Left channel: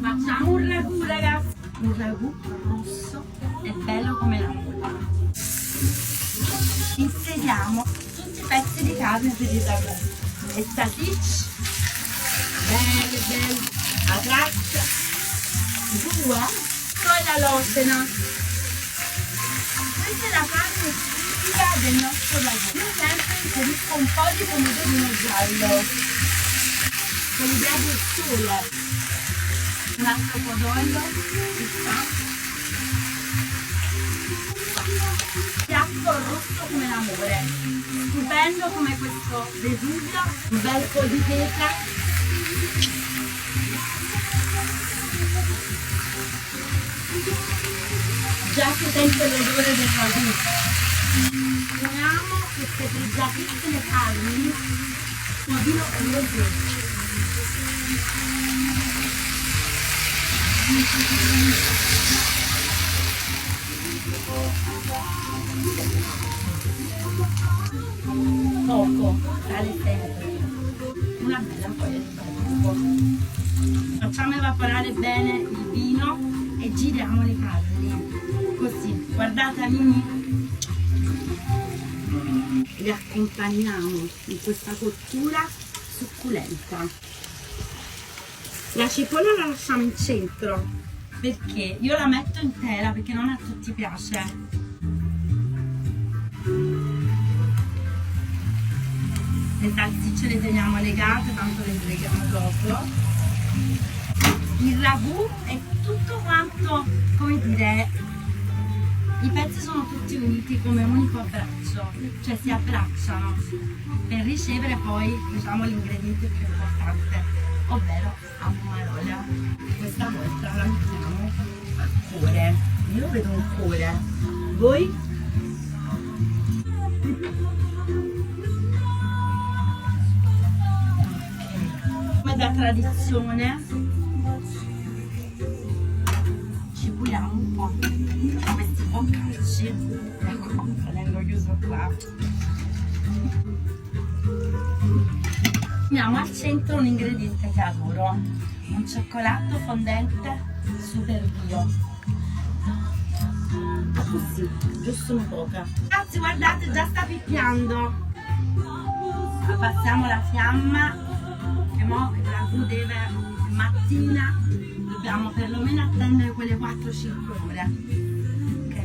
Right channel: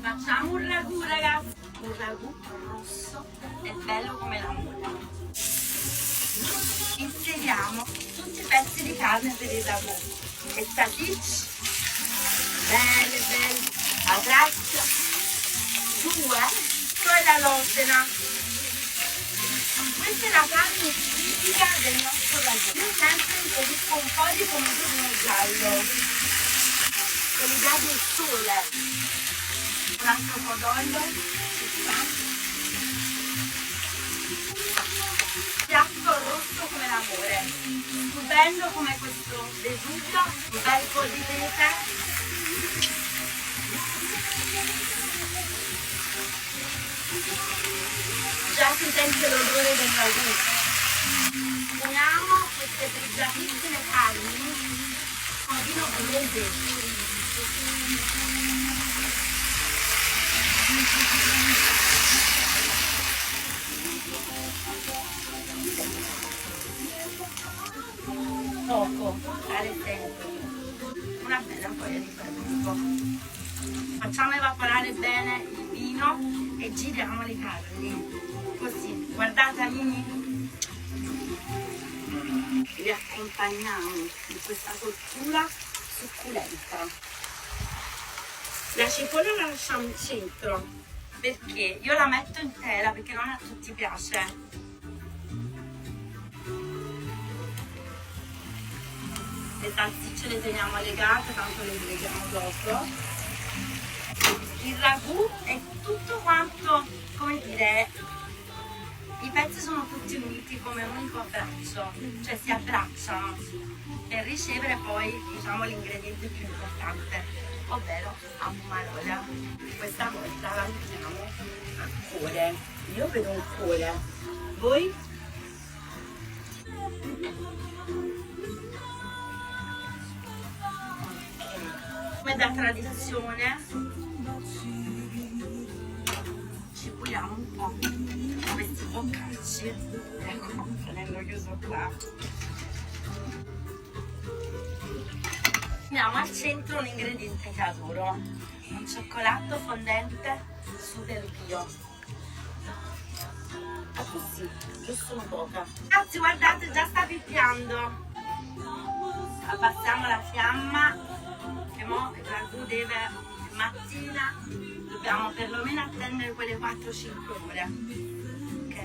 Facciamo un ragù, ragazzi. Un ragù rosso e bello come l'amore. Inseriamo tutti i pezzi di carne per il ragù. E salsicce. Belle, belle. A 3, 2. Poi la losena. Questa è la parte tipica del nostro ragù. Io sempre inserisco un po' di pomodorino giallo. Mi vede il sole. Un altro codorno. Piatto rosso come l'amore. Stupendo come questo Vesuvio. Un bel po' di pepe. Già si sente l'odore del ragù. Uniamo queste pregiatissime carni col vino pugliese. Troppo, sale sempre. Una bella foglia di barbecue. Facciamo evaporare bene il vino e giriamo le carni. Così, guardate amici. Li accompagniamo in questa cottura succulenta. La cipolla la lasciamo in centro perché io la metto intera perché non a tutti piace. Le salsicce le teniamo legate, tanto le tagliamo dopo. Il ragù è tutto quanto, come dire, i pezzi sono tutti uniti come un unico abbraccio, cioè si abbracciano per ricevere poi, diciamo, l'ingrediente più importante, ovvero la pomarola. Questa volta la mettiamo al cuore. Io vedo un cuore. Voi? Come da tradizione ci puliamo un po' questi boccacci. Ecco, tenendo chiuso qua. Mettiamo al centro un ingrediente che adoro, un cioccolato fondente super bio. E così, giusto un poco. Ragazzi, guardate, già sta picchiando. Abbassiamo la fiamma, che mo il ragù deve, mattina, dobbiamo perlomeno attendere quelle 4-5 ore. Ok,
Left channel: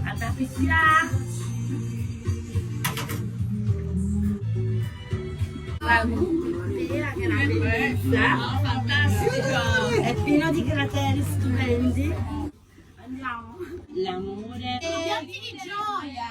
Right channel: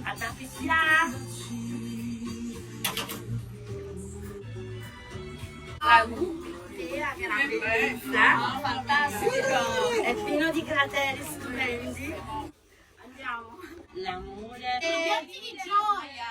guardate là. Che è una bellezza, fantastico, è pieno di crateri stupendi. Andiamo. L'amore. Piatti di gioia.